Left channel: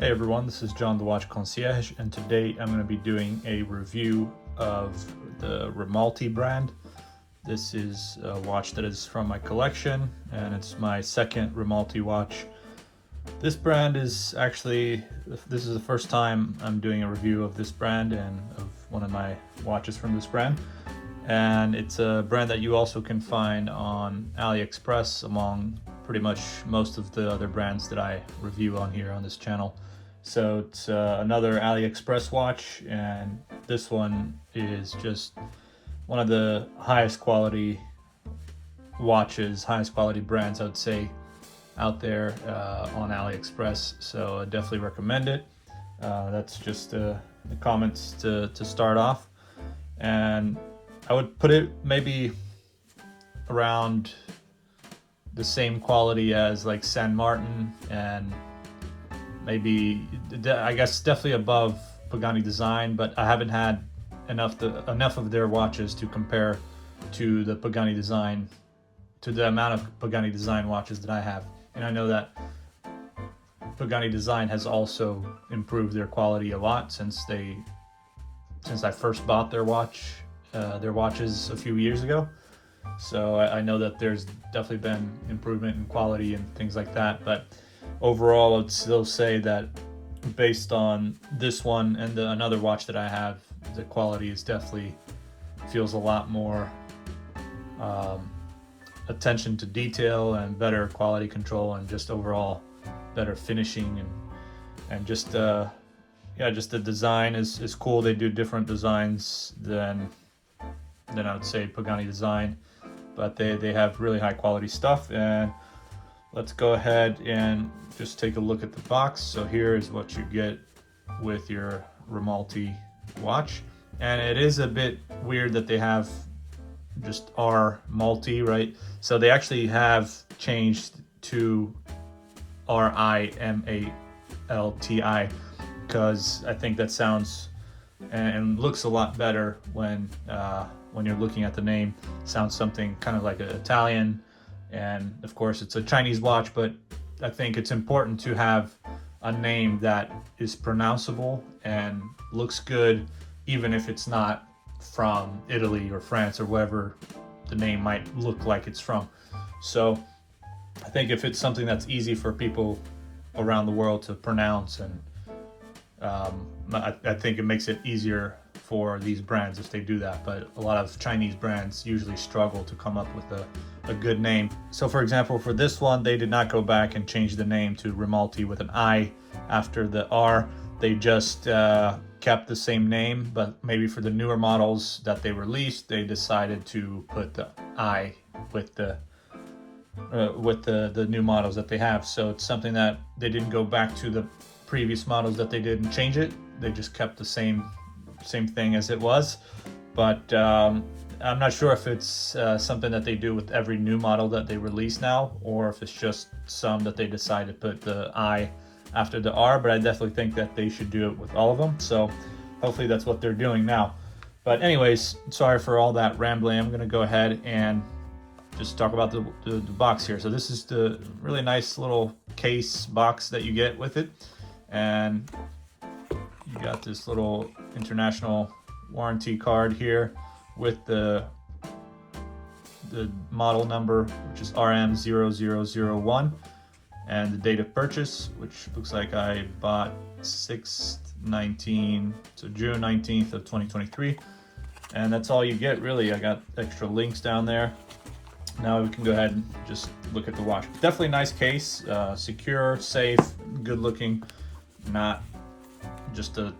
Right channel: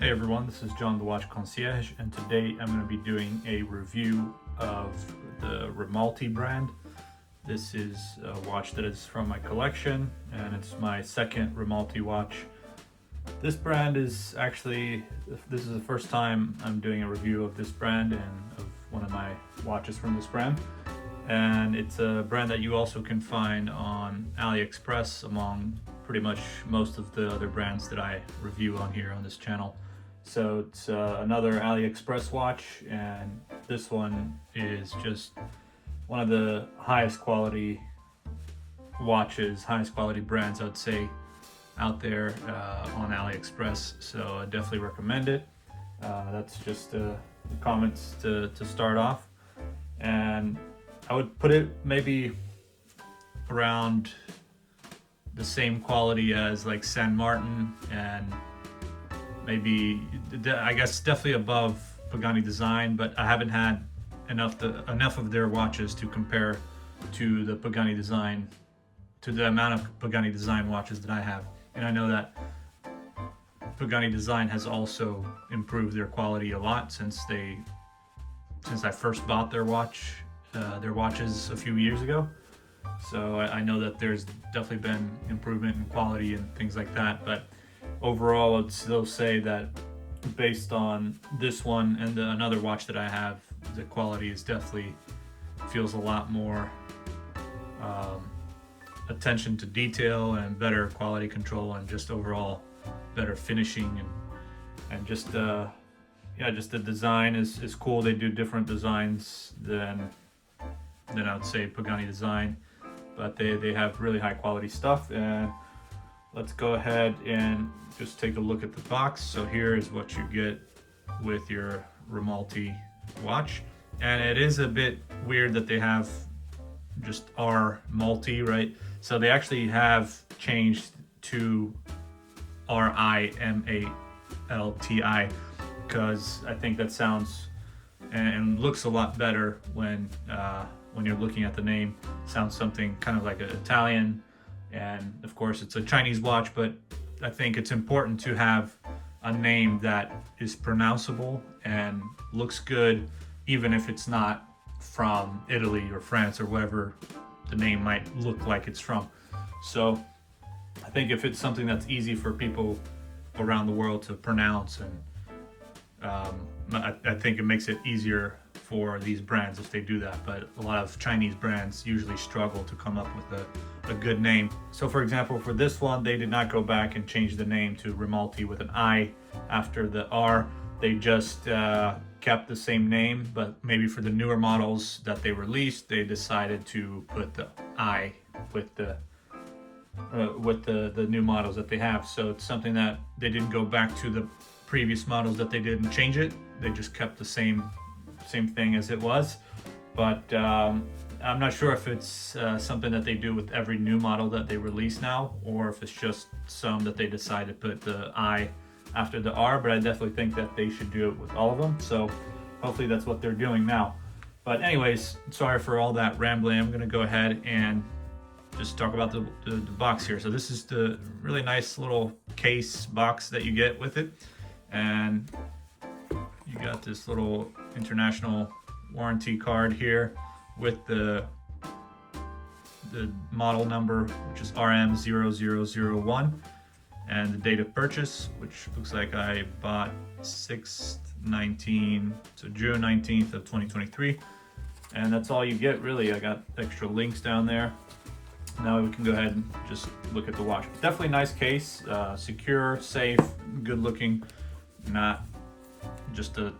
Hey everyone, this is John the Watch Concierge, and today I'm going to be doing a review of the RMALTI brand. This is a watch that is from my collection, and it's my second RMALTI watch. This brand is actually, this is the first time I'm doing a review of this brand and of one of my watches from this brand. And it's a brand that you also can find on Aliexpress among pretty much most of the other brands that I review on here on this channel. So it's another Aliexpress watch, and this one is just one of the highest quality watches, highest quality brands I would say out there on Aliexpress. So I definitely recommend it. That's just the comments to start off, and I would put it maybe around the same quality as like San Martin, and maybe, I guess, definitely above Pagani Design, but I haven't had enough of their watches to compare to the Pagani Design, to the amount of Pagani Design watches that I have. And I know that Pagani Design has also improved their quality a lot since I first bought their watches a few years ago. So I know that there's definitely been improvement in quality and things like that, but overall I'd still say that based on this one and another watch that I have, the quality is definitely feels a lot more attention to detail and better quality control, and just overall better finishing, and just just the design is cool. They do different designs than I would say Pagani Design, but they have really high quality stuff. And let's go ahead and just take a look at the box. So here is what you get with your RMALTI watch, and it is a bit weird that they have just RMALTI, right? So they actually have changed to RMALTI, because I think that sounds and looks a lot better when you're looking at the name. It sounds something kind of like an Italian, and of course it's a Chinese watch, but I think it's important to have a name that is pronounceable and looks good, even if it's not from Italy or France or wherever the name might look like it's from. So I think if it's something that's easy for people around the world to pronounce, and I think it makes it easier for these brands if they do that. But a lot of Chinese brands usually struggle to come up with a good name. So for example, for this one, they did not go back and change the name to RMALTI with an I after the R. They just kept the same name, but maybe for the newer models that they released, they decided to put the I with the new models that they have. So it's something that they didn't go back to the previous models that they didn't change it. They just kept the same thing as it was. But I'm not sure if it's something that they do with every new model that they release now, or if it's just some that they decide to put the I after the R, but I definitely think that they should do it with all of them. So hopefully that's what they're doing now. But anyways, sorry for all that rambling. I'm gonna go ahead and just talk about the box here. So this is the really nice little case box that you get with it, and you got this little international warranty card here with the model number, which is RM001, and the date of purchase, which looks like I bought 6/19, so June 19th of 2023. And that's all you get, really. I got extra links down there. Now we can go ahead and just look at the watch. Definitely nice case, secure, safe, good looking, not just a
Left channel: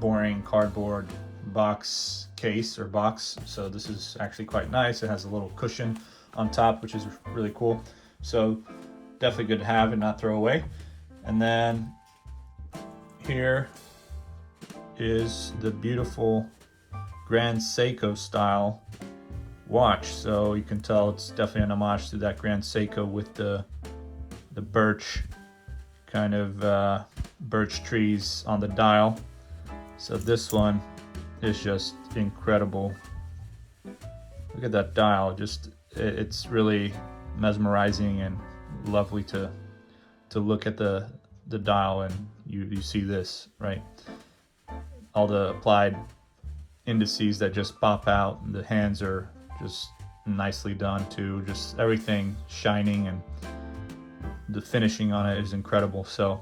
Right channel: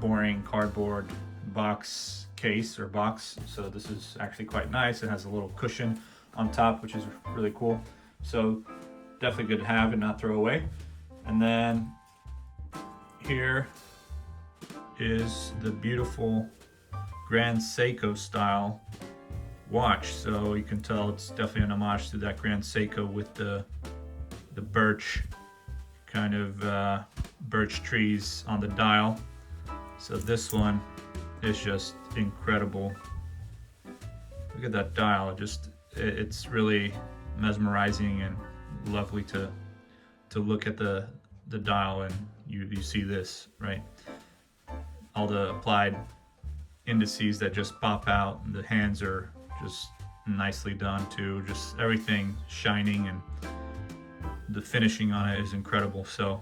boring cardboard box case or box. So this is actually quite nice. It has a little cushion on top, which is really cool. So definitely good to have and not throw away. And then here is the beautiful Grand Seiko style watch. So you can tell it's definitely an homage to that Grand Seiko with the birch kind of birch trees on the dial. So this one is just incredible. Look at that dial. It's really mesmerizing and lovely to look at the dial you see this, right? All the applied indices that just pop out. The hands are just nicely done too, just everything shining, and the finishing on it is incredible. So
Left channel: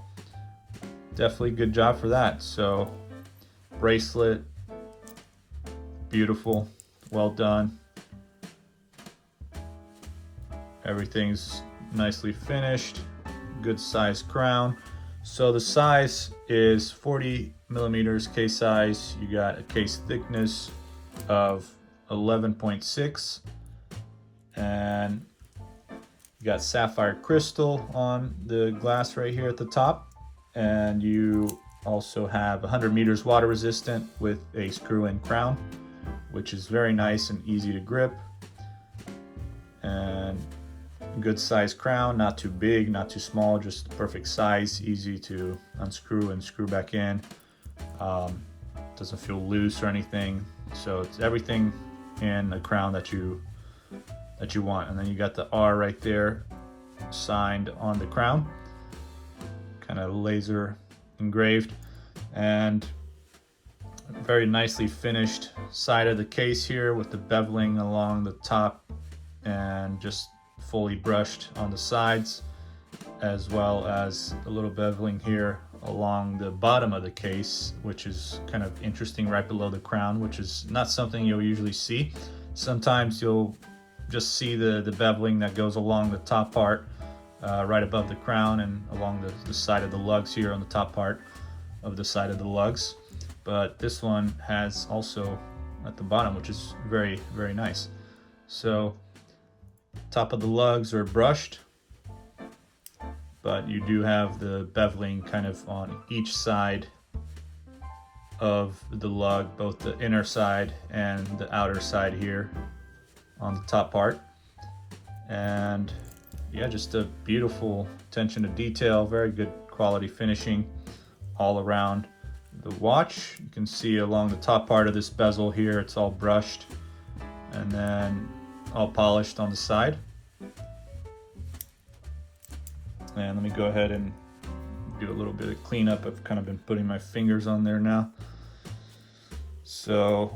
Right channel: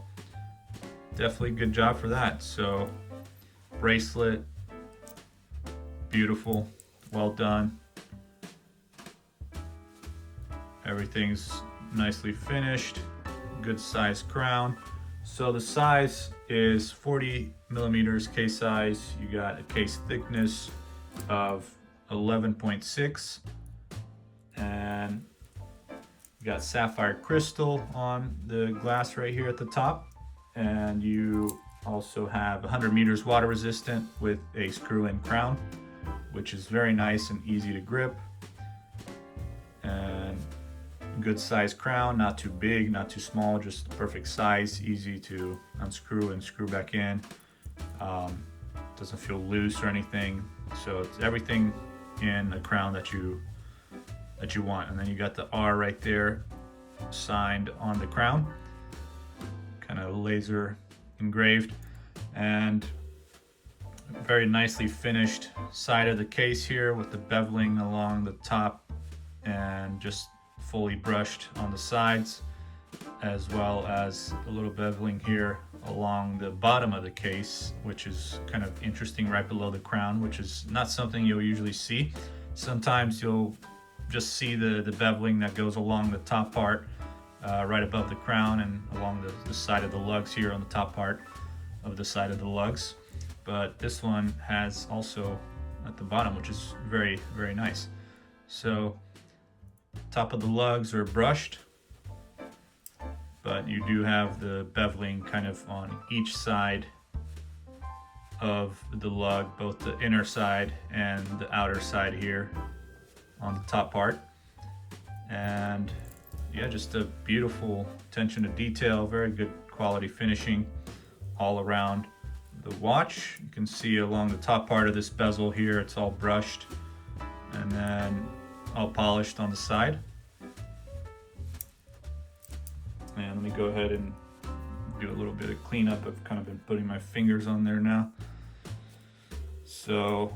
definitely good job for that. So bracelet, beautiful, well done. Everything's nicely finished, good size crown. So the size is 40 millimeters case size. You got a case thickness of 11.6, and you got sapphire crystal on the glass right here at the top, and you also have 100 meters water resistant with a screw-in crown, which is very nice and easy to grip. And good size crown, not too big, not too small, just the perfect size, easy to unscrew and screw back in. Doesn't feel loose or anything, so it's everything in a crown that you want. And then you got the R right there signed on the crown, kind of laser engraved, and very nicely finished side of the case here with the beveling along the top and just fully brushed on the sides, as well as a little beveling here along the bottom of the case, which is kind of interesting, right below the crown, which is not something you'll usually see. Sometimes you'll just see the beveling that goes along the top part, right above the crown, and along the side of the lugs here on the top part of the side of the lugs. But this one has also at the bottom, which is very, very nice. So top of the lugs are brushed, but you do have the beveling kind of on each side of the lug, both the inner side and the outer side here on the top part. And yeah, just a beautiful attention to detail, very good quality finishing all around the watch. You can see along the top part of this bezel here, it's all brushed and then all polished on the side. And let me go ahead and do a little bit of cleanup. I've kind of been putting my fingers on there now. So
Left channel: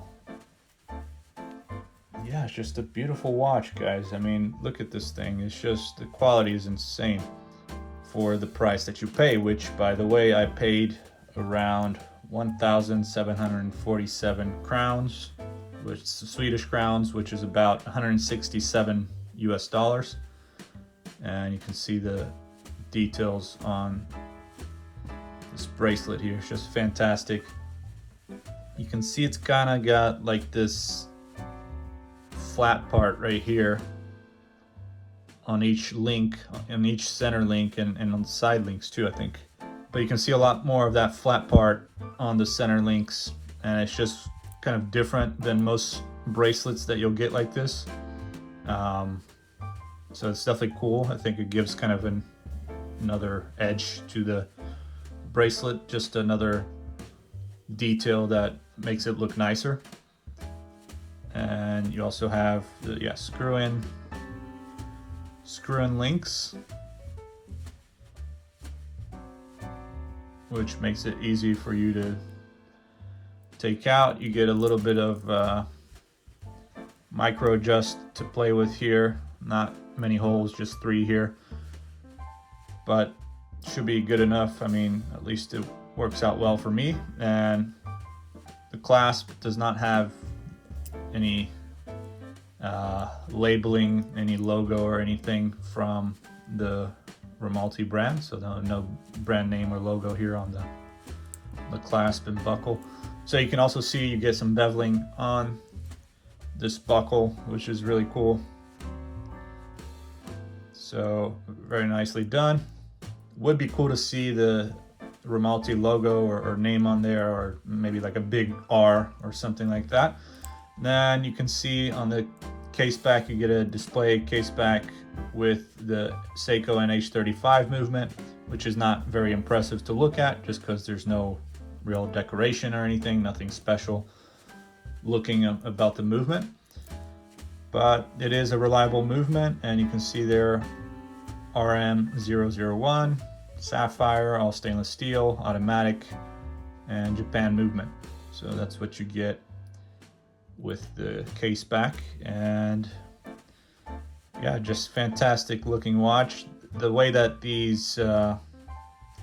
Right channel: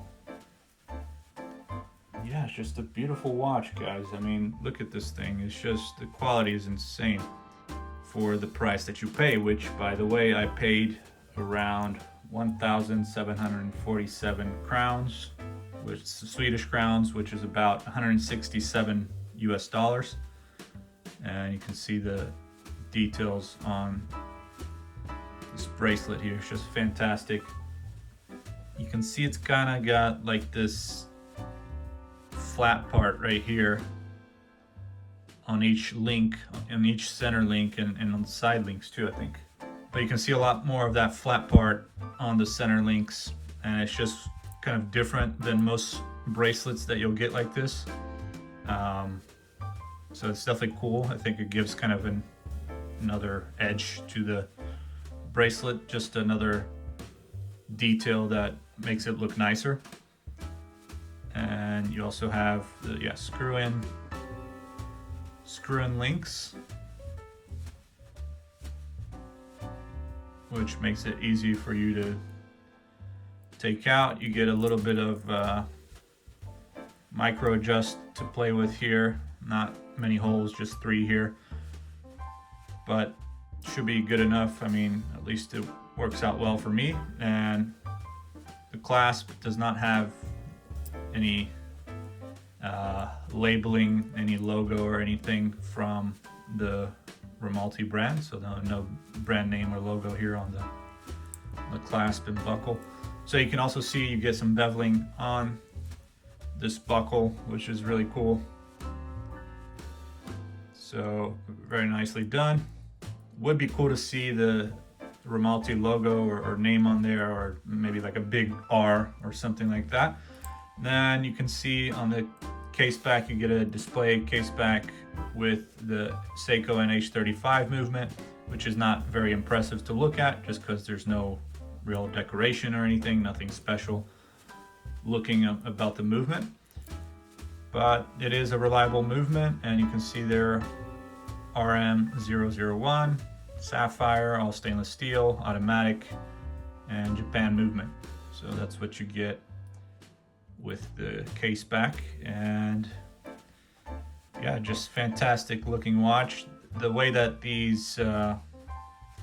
yeah, it's just a beautiful watch, guys. I mean, look at this thing. It's just, the quality is insane for the price that you pay, which, by the way, I paid around 1,747 crowns, which is Swedish crowns, which is about 167 US dollars. And you can see the details on this bracelet here. It's just fantastic. You can see it's kind of got like this flat part right here on each link, on each center link, and on the side links too, I think. But you can see a lot more of that flat part on the center links, and it's just kind of different than most bracelets that you'll get like this. So it's definitely cool. I think it gives kind of another edge to the bracelet, just another detail that makes it look nicer. And you also have the screw-in links, which makes it easy for you to take out. You get a little bit of micro adjust to play with here. Not many holes, just 3 here, but should be good enough. I mean, at least it works out well for me. And the clasp does not have any labeling, any logo or anything from the RMALTI brand, so no brand name or logo here on the clasp and buckle. So you can also see you get some beveling on this buckle, which is really cool. So very nicely done. Would be cool to see the RMALTI logo or name on there, or maybe like a big R or something like that. Then you can see on the case back, you get a display case back with the Seiko NH35 movement, which is not very impressive to look at just because there's no real decoration or anything, nothing special looking about the movement. But it is a reliable movement, and you can see there RM001 sapphire, all stainless steel, automatic, and Japan movement. So that's what you get with the case back. And yeah, just fantastic looking watch. The way that these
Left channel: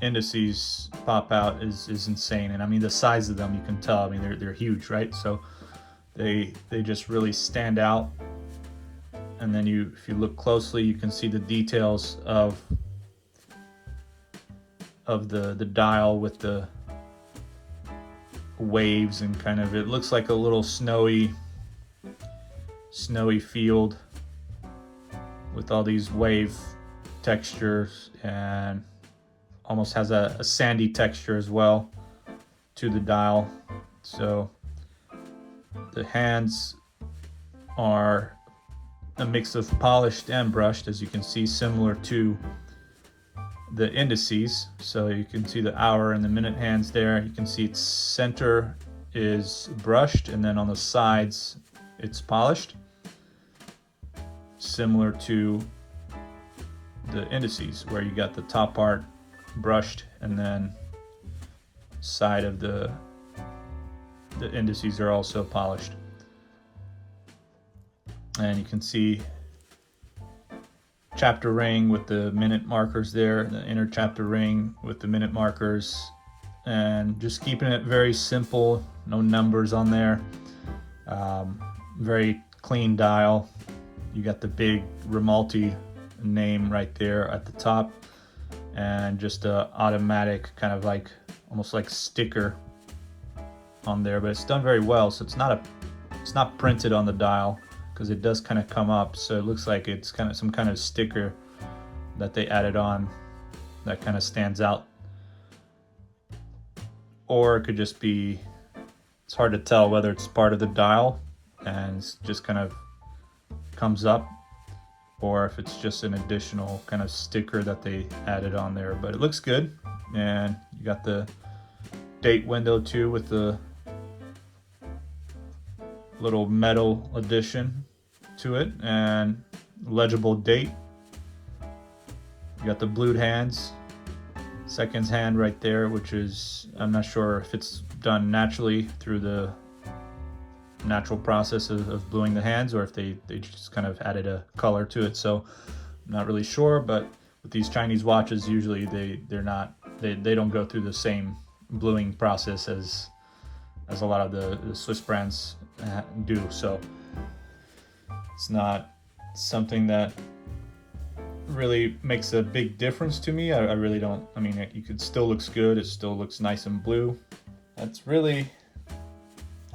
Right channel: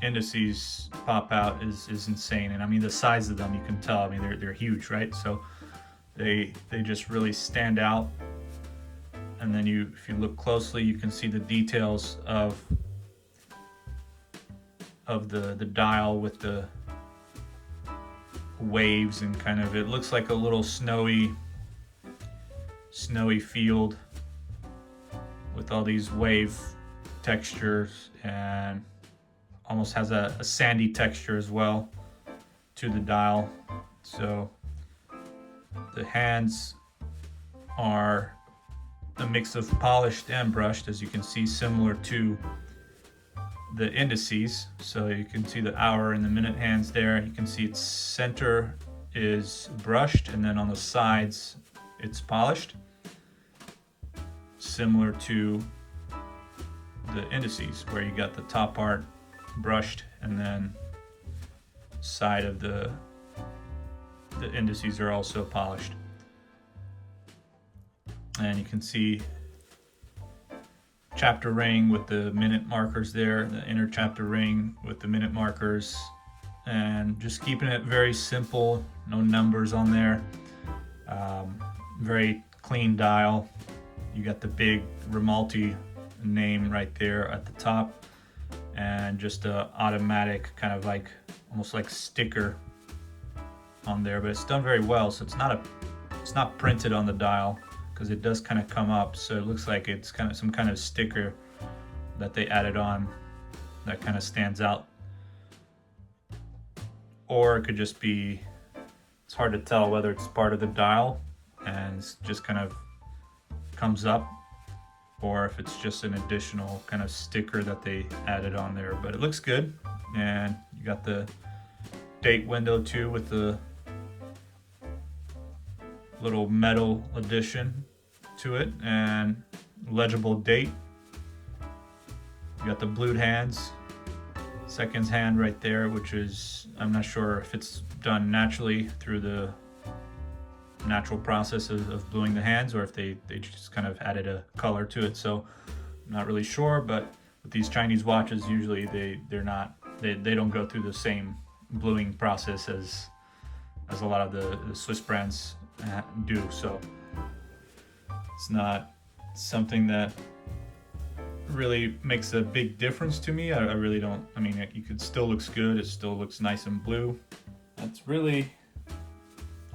indices pop out is insane. And I mean, the size of them, you can tell, I mean, they're huge, right? So they just really stand out. And then if you look closely, you can see the details of the dial with the waves, and kind of, it looks like a little snowy field with all these wave textures, and almost has a sandy texture as well to the dial. So the hands are a mix of polished and brushed, as you can see, similar to the indices. So you can see the hour and the minute hands there. You can see its center is brushed, and then on the sides it's polished, similar to the indices, where you got the top part brushed, and then side of the indices are also polished. And you can see chapter ring with the minute markers there, the inner chapter ring with the minute markers, and just keeping it very simple, no numbers on there. Very clean dial. You got the big RMALTI name right there at the top, and just a automatic kind of like almost like sticker on there, but it's done very well. So it's not printed on the dial, because it does kind of come up, so it looks like it's kind of some kind of sticker that they added on that kind of stands out. Or it could just be, it's hard to tell whether it's part of the dial and it's just kind of comes up, or if it's just an additional kind of sticker that they added on there. But it looks good, and you got the date window too with the little metal addition to it, and legible date. You got the blued hands, seconds hand right there, which is, I'm not sure if it's done naturally through the natural process of bluing the hands, or if they just kind of added a color to it. So I'm not really sure, but with these Chinese watches, usually they don't go through the same bluing process as a lot of the Swiss brands do. So it's not something that really makes a big difference to me. I really don't. I mean, it still looks good. It still looks nice and blue. That's really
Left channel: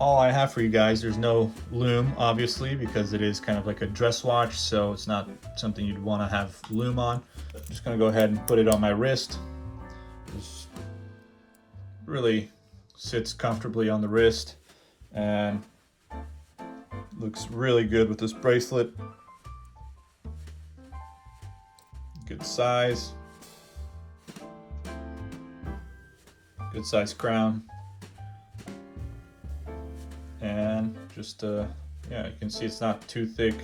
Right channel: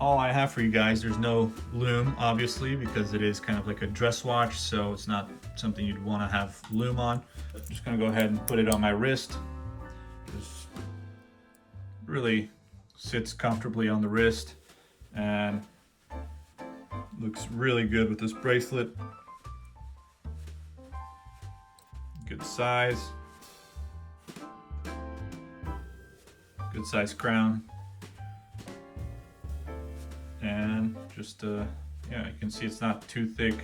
all I have for you guys. There's no lume, obviously, because it is kind of like a dress watch, so it's not something you'd want to have lume on. I'm just gonna go ahead and put it on my wrist. Just really sits comfortably on the wrist, and looks really good with this bracelet. Good size, good size crown, and just yeah, you can see it's not too thick,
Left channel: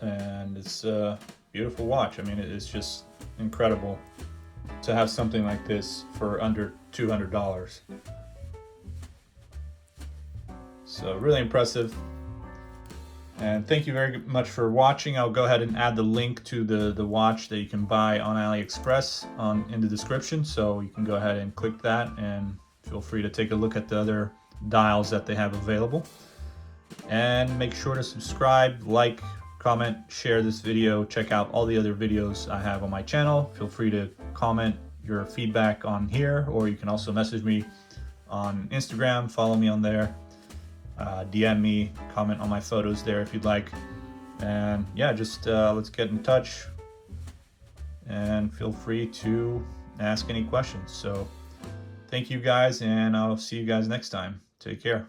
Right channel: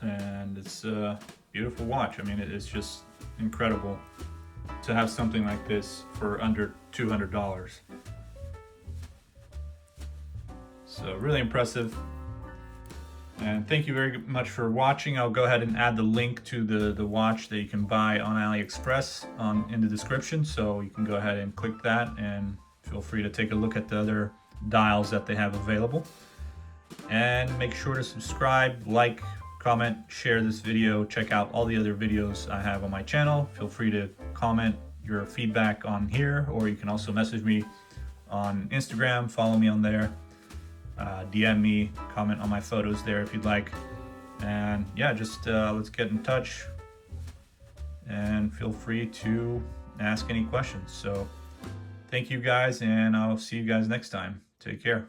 and it's a beautiful watch. I mean, it's just incredible to have something like this for under $200. So really impressive. And thank you very much for watching. I'll go ahead and add the link to the watch that you can buy on Aliexpress in the description, so you can go ahead and click that, and feel free to take a look at the other dials that they have available. And make sure to subscribe, like, comment, share this video. Check out all the other videos I have on my channel. Feel free to comment your feedback on here, or you can also message me on Instagram, follow me on there. DM me, comment on my photos there if you'd like. And yeah, just let's get in touch, and feel free to ask any questions. So thank you guys, and I'll see you guys next time. Take care.